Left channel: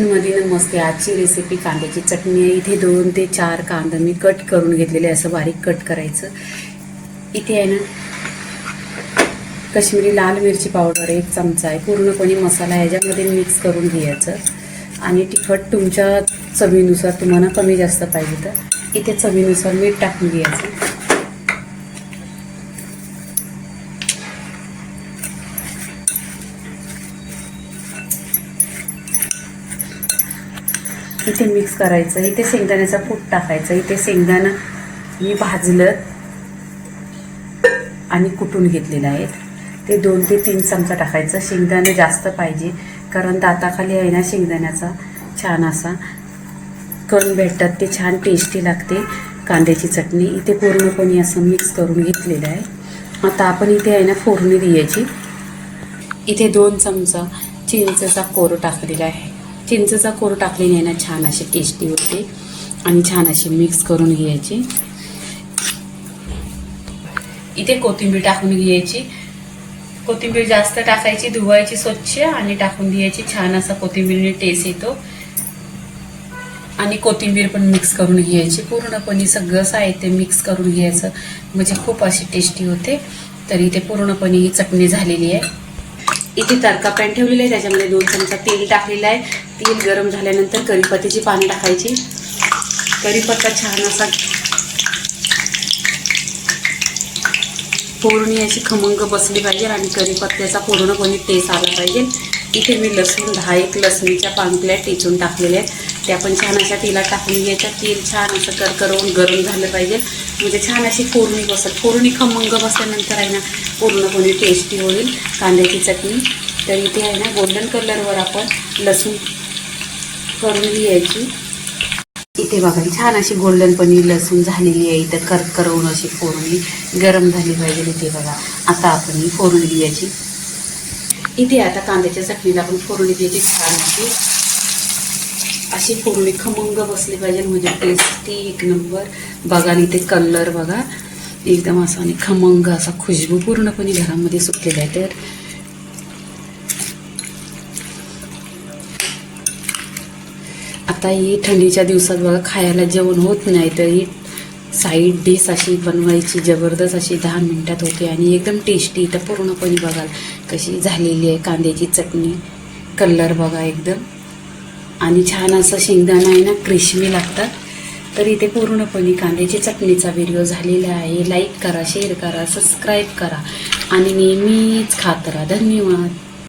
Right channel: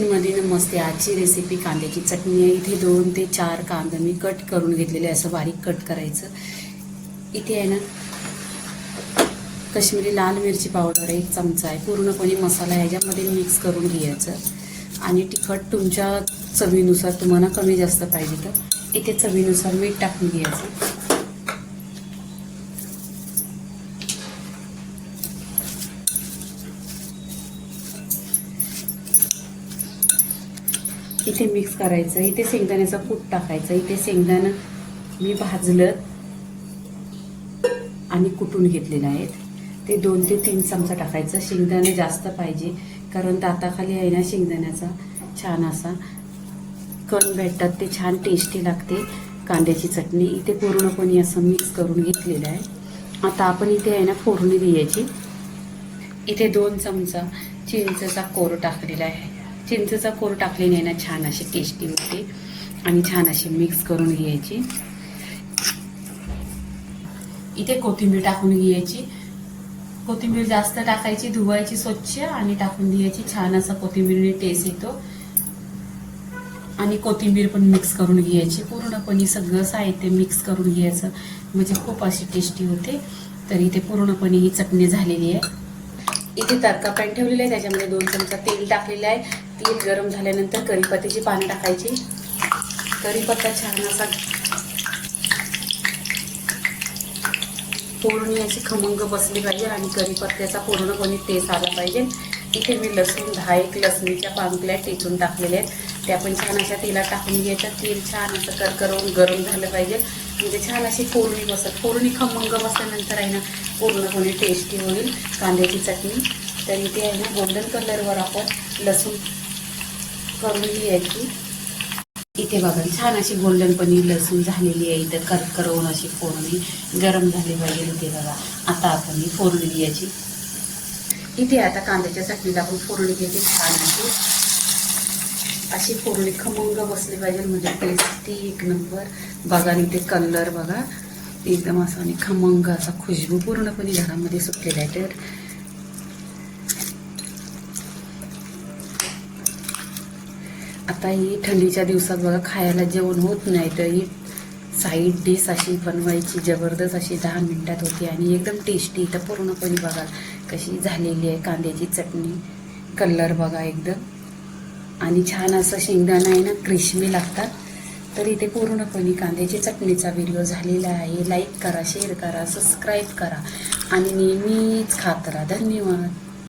मध्ये मस्त आजची रेसिपी कांद्याची चटणी आहे। इथे 2 ते 4 कांदा मी कट करून घेतलेले, असं बारीक कट करायचं। इथे आहे ना काश्मीरी लाल मिरची पावडर 1 चमचा आहे। पूर्णपणे मसाला ह्याच्यामध्ये मिक्स करून घ्यायचं आणि तिखट तुमच्या चवीनुसार, तुम्हाला कमी जास्त पाहिजे तर इथे चवीनुसार मीठ टाकून घ्यायचं। इथे मिक्स करायचं। इथे शेंगदाण्याचा कूट टाकायचं। इथे शेंगदाणा मी भाजलं आणि कुटून घेतलेलं आहे, ते 2 ते 3 चमचा टाकायचं। शेंगदाणे जास्त पाहिजे, कारण दाताखाली आहे ना शेंगदाण्याचा छान असा कण भेटतात, ते छान टेस्टी लागते कांद्याची चटणी। इथे पूर्णपणे असं मिक्स करून घेतलेलं आहे। आता आपण इथे आहे ना फोडणी द्यायची। इथे 2 चमचा चिंचेचा कोर टाकलेला आहे। चिंचेचा कोर टाकल्याने ना छान अशी टेस्टी होते आणि छान अशी मिक्स करून घ्यायची। इथे कोथिंबीर टाकून घ्यायची। कोथिंबीर जास्त टाकायची, धुवायची स्वच्छ आणि टाकून द्यायची। छान असा कोथिंबीरने टेस्ट येतो आणि कोथिंबीर पण मिक्स करून घ्यायची। पूर्णपणे सगळं साहित्य मिक्स करून घ्यायचं, म्हणजे खूप अशी टेस्टी होते। तर इथे पूर्णपणे ही चटणी झालेली आहे। इथे तडका पॅन ठेवलेला आहे, त्याच्यामध्ये 2 चमचा तेल टाकलेलं आहे। तेल गरम झाल्यानंतर कढीपत्त्याची पाने टाकायची। कढीपत्ता छान असा पूर्ण अशी खमंग बसली पाहिजे आणि कढीपत्त्याचा पूर्णपणे टेस्ट आला पाहिजे। इथे मी लसूण 10 लसणीच्या पाकळ्या टेचून टाकलेल्या आहेत, त्या पण छान अशा तेलात टाकून घ्यायच्या। तेल छान असं करकरवून गरम झालं पाहिजे, म्हणजे छान अशी फोडणी बसेल। फोडणी खमंग बसल्यानंतर आहे ना पूर्णपणे टेस्टी होईल कांद्याची चटणी। तर इथे आहे ना गोल्डन कलरवर आपण लसूण करून घ्यायची। इथे बघा छान अशी गोल्डनपणी लसूण झालेली आहे। इथं करकरवून अशी फोडणी गरम झाली पाहिजे। इथे बघा आता आपण ही फोडणी द्यायची। इथे आता कांद्याच्या चटणीला आपण फोडणी द्यायची। छान अशी फोडणी खमंग बसली पाहिजे, म्हणजे टेस्टी 1 नंबर। बघा इथे कलर बघा एकदम असा आणि खमंग असा खुशबू पूर्णपणे घरामध्ये सुटलेला आहे। तर आता ही थंडीच्या दिवसात बघा खायला जेवण होत नाही, तर ही साईड डिश अशी बनवायची, जबरदस्त अशी 10 मिनिटात होते आणि एकदम टेस्टी। तर पूर्णपणे बघा कशी झालेली आहे कांद्याची चटणी। कलर बघा एकदम, आणि छान असं शेंगदाणा आहे ना क्रिस्पी लागतात। तर इथे पूर्णपणे कांद्याची चटणीचा व्हिडिओ झालेला आहे। लाईक करा, शेअर करा, सबस्क्राईब करा आणि नेहमीच खात राहा। धन्यवाद।